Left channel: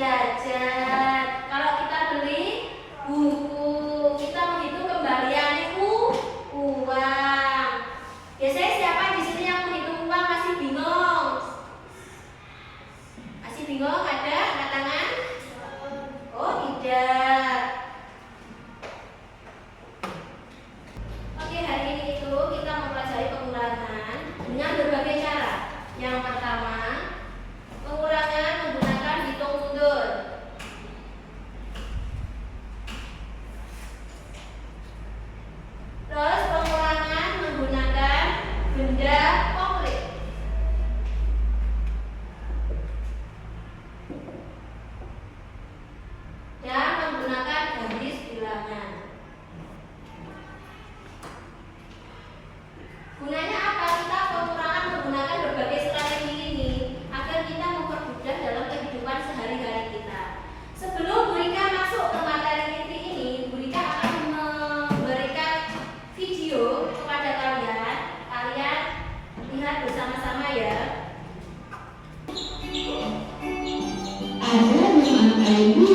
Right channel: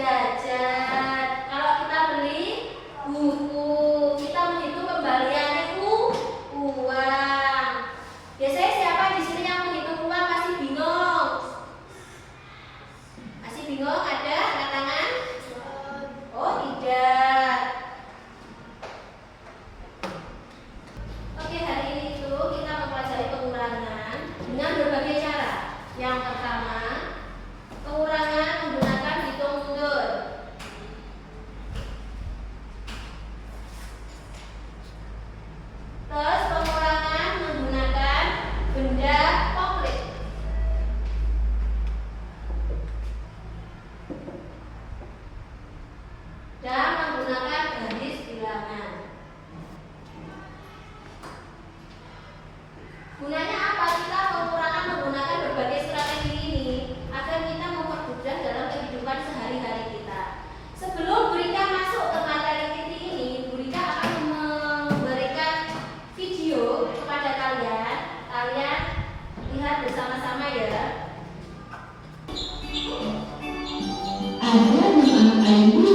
jajan. Kalau kita beli buku, kita menghitung kembalian itu uang. Biasanya siapa di sini yang menghitung uang masih bingung? Masih bingung? Ada angkat tangan? Oh tidak. Oke, hari ini itu kita mempelajari pengurangan dengan berbagai cara. Yang pertama, pengurangan menggunakan hitung mundur. Terus pengurangan menggunakan benda konkret. Dan menggunakan garis bilangan. Gunanya apa? Kita pengurangan menggunakan berbagai strategi ini agar kita mempermudah dalam kehidupan sehari-hari kita. Sebelum Bu Rika masuk ke materi inti ini, Bu Rika akan memberikan video kepada kalian. Kalian lihat bersama-sama ya. Ada nama Adi.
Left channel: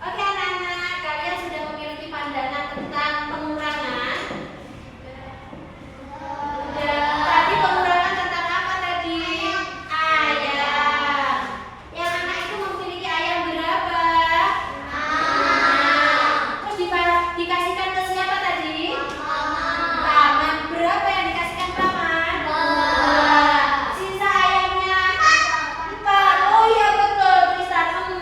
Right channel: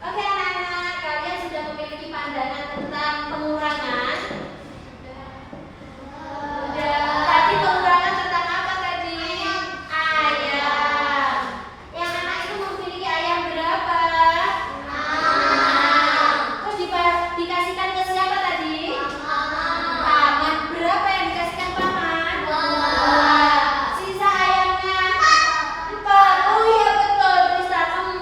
Oke anak-anak, kalian sudah memiliki pandangan tentang pengurangan? Sudah. Tadi pengurangan tentang apa tadi? Ayam. Yang anak itu memiliki ayam berapa? 6. Terus dikasihkan ke siapa tadi? Paman. Berapa yang dikasihkan paman? 2. Sisa ayamnya 4. Oh iya betul, tulisan 4.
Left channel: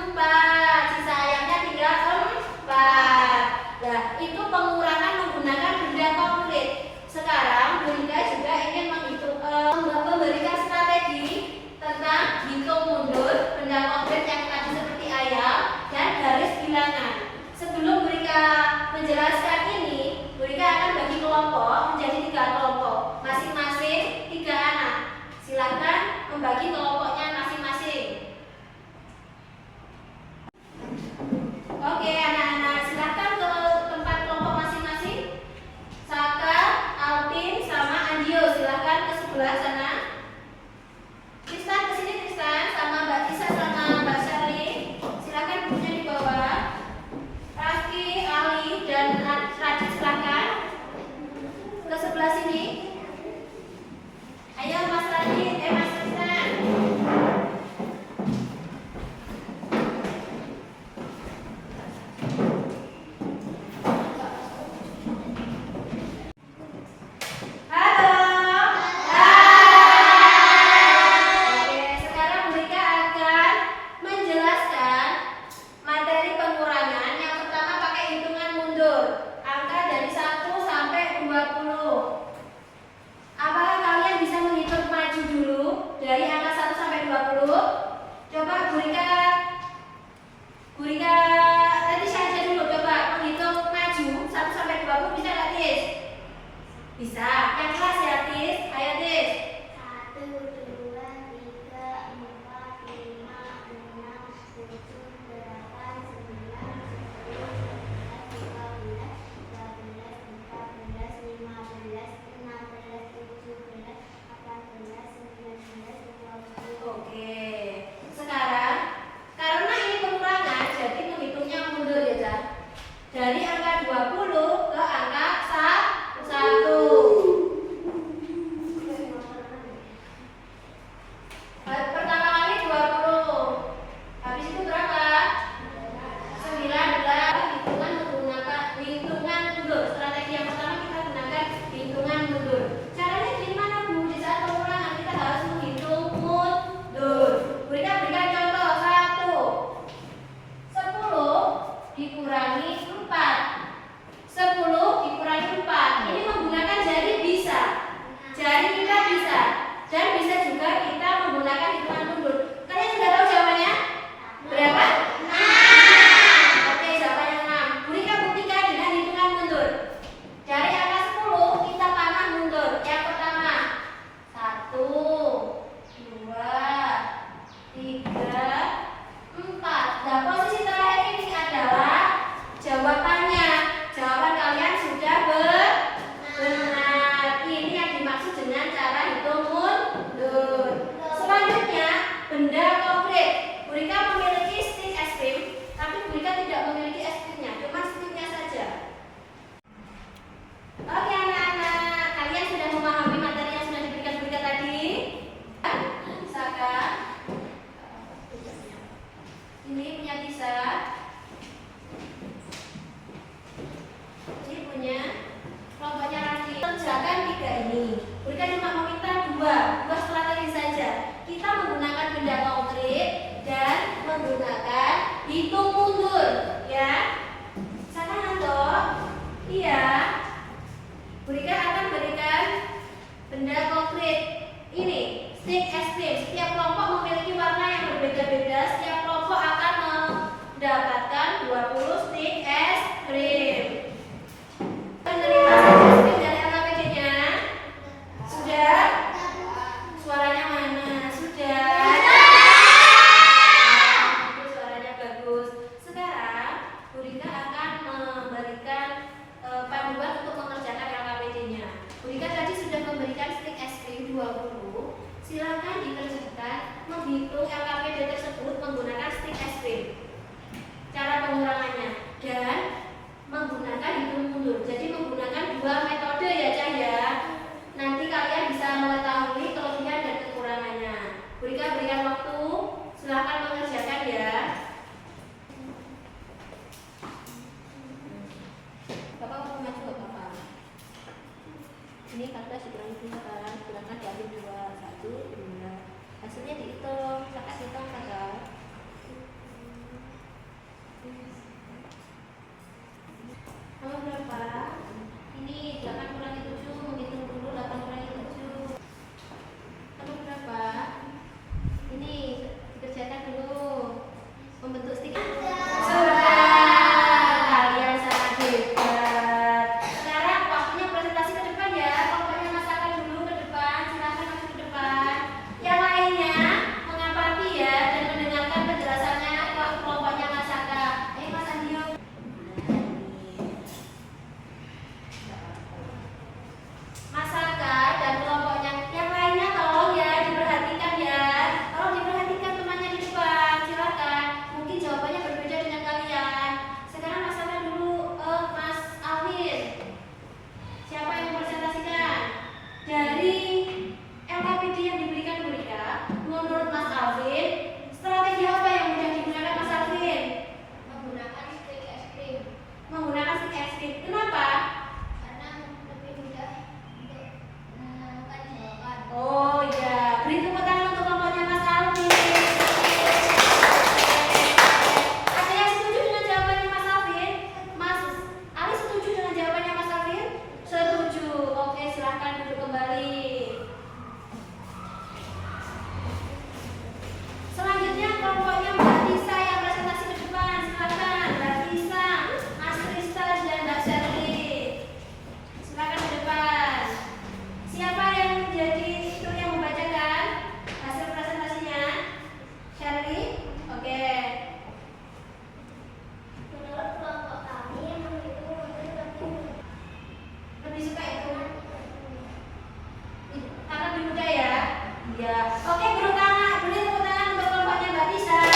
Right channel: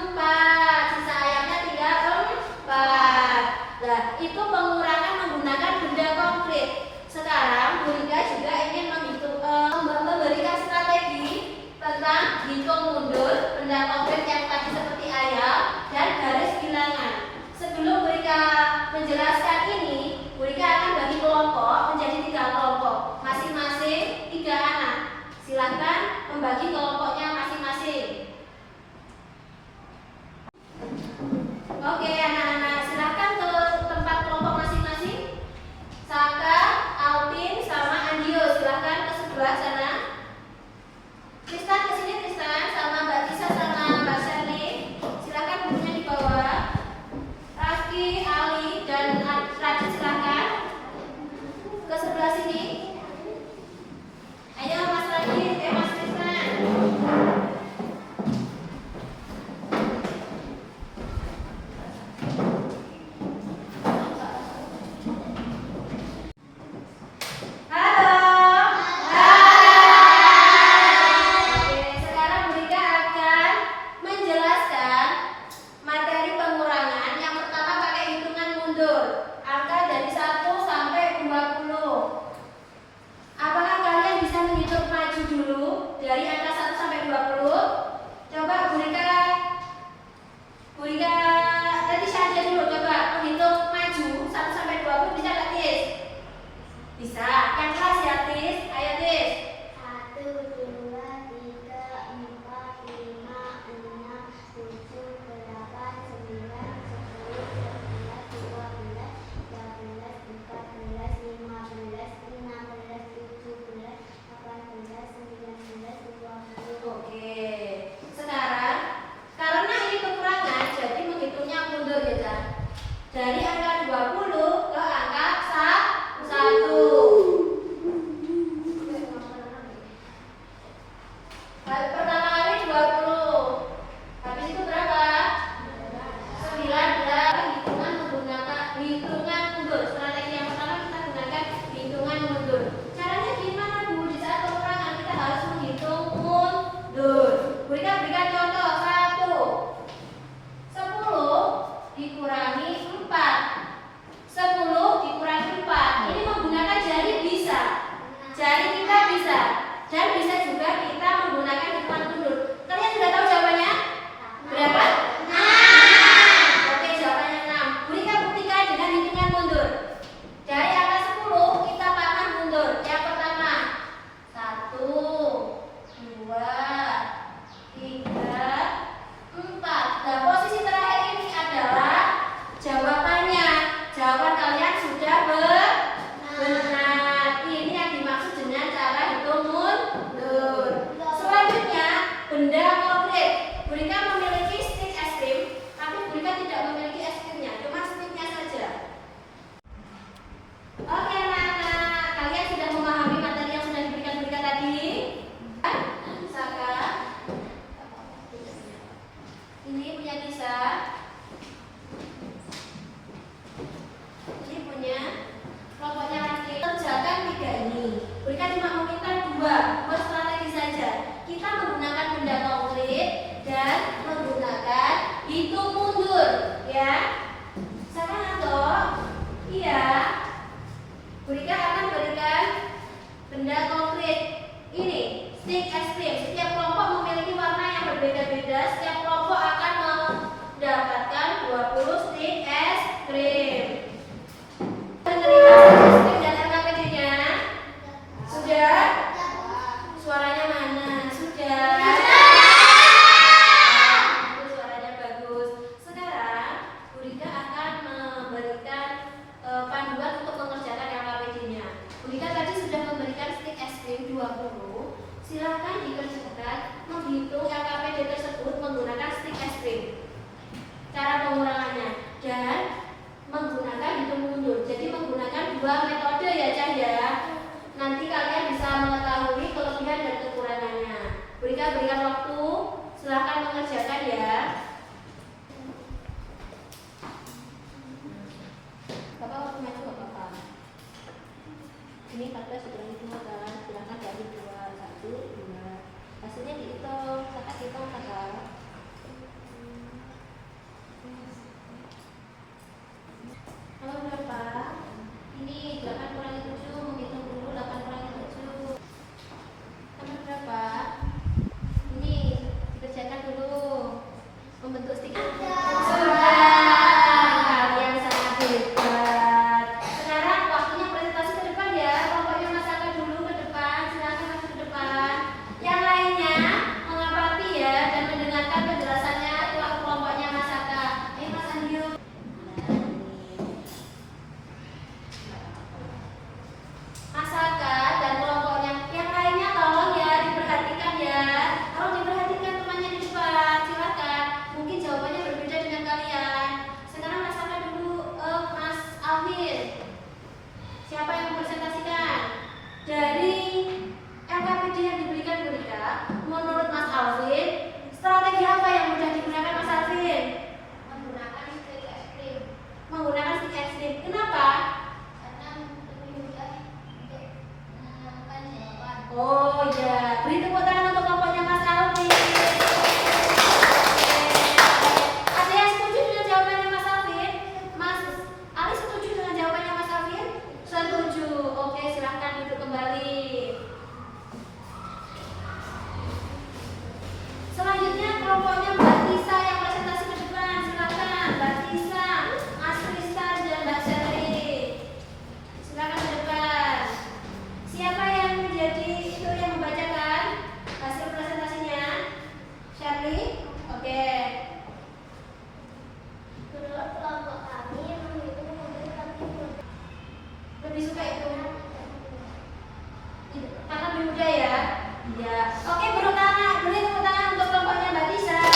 Ya, oke guru Tama, beri tepuk tangan untuk kelompoknya Mbak Tisa. Oke,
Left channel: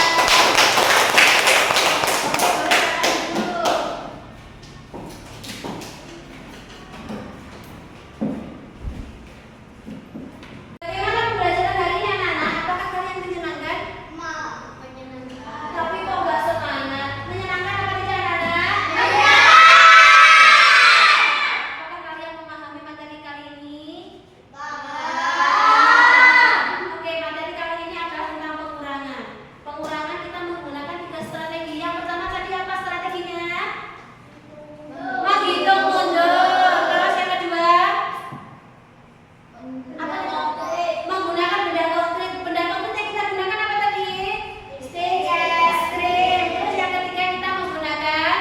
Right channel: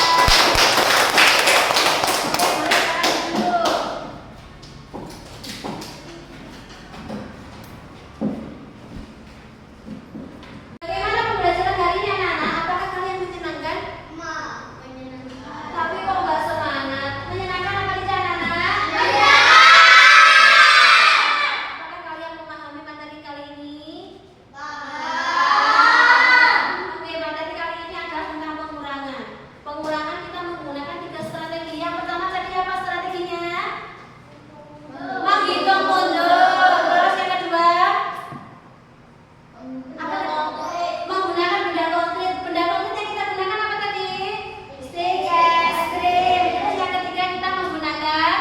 boleh silakan dulu. Bagaimana pembelajaran hari ini anak-anak? Apakah kalian menyenangkan? Menyenangkan. Tapi kok nggak semangat? Menyenangkan apa tidak anak-anak? Iya. Apakah kalian memahami materi kali ini? Oke, materi kali ini adalah tentang pengurangan. Pengurangan kita menggunakan 3 strategi. Yang pertama tadi apa strateginya? Menghitung mundur. Terus yang kedua? Apa? Menggunakan benda konkret. Benda konkret yang kita gunakan apa tadi? Stick, es krim. Terus yang ketiga kita menggunakan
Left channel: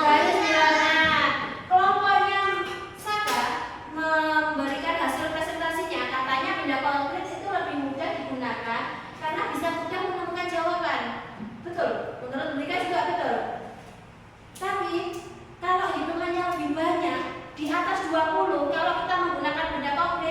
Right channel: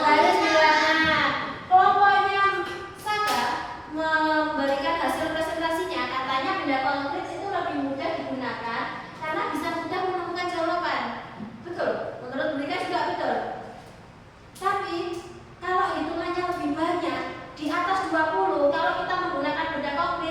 garis bilangan. Kelompoknya Saka memberikan hasil presentasinya. Katanya benda konkret itu lebih mudah digunakan karena bisa mudah menemukan jawaban. Betul? Menurut mereka juga betul. Tapi kalau hitungannya lebih banyak di atas 20, kalau kita menggunakan benda konkret